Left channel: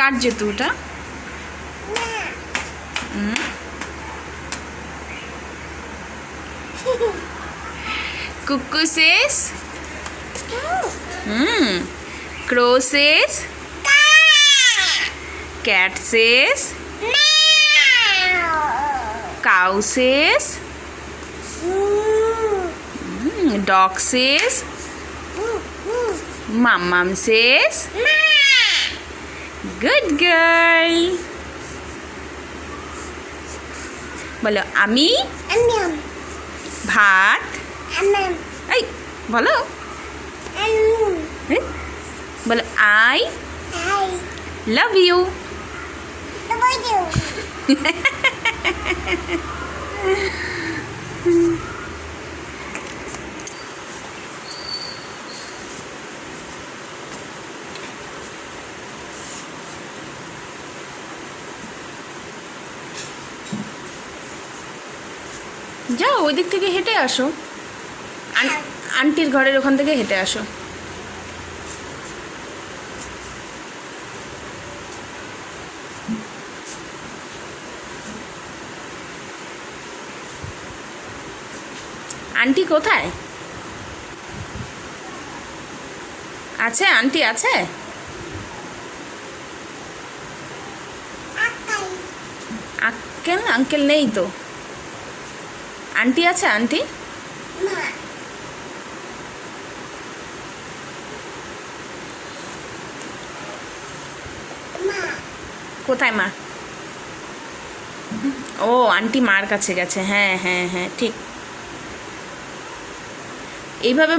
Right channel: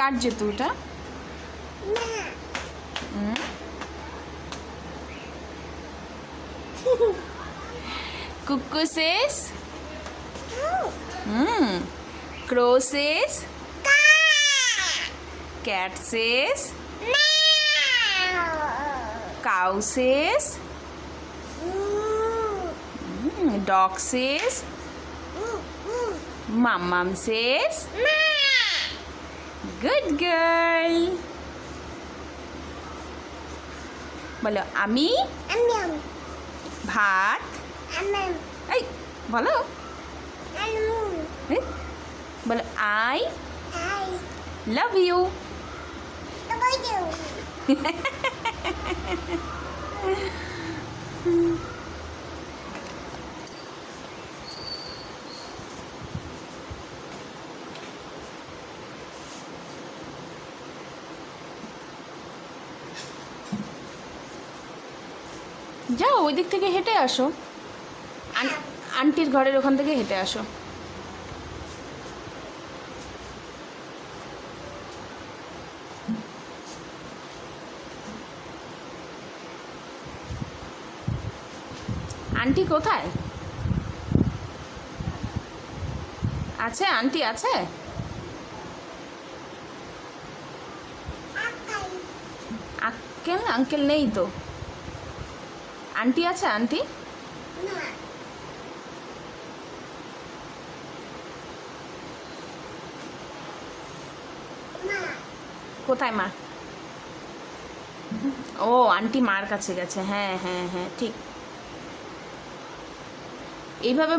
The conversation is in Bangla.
কার জুতো ওটা? Cuckoo says? Crow says? Cat says? Cow says? Dog says? Mum says? Good girl. বলো আমি ভাত এই বলো বলো আই লাভ ইউ। যাও ওই দিক থেকে হেঁটে আসো, আন্টির ঘরের ওখান থেকে হেঁটে আসো। আন্টি কোথায় আছে? আন্টি আছে? আঙ্কেল নেই তো। আন্টি আছে? আন্টি কোথায়? মা ও আন্টি মার কাছে গেছে। হ্যাঁ হ্যাঁ হ্যাঁ ঠিক। এইভাবে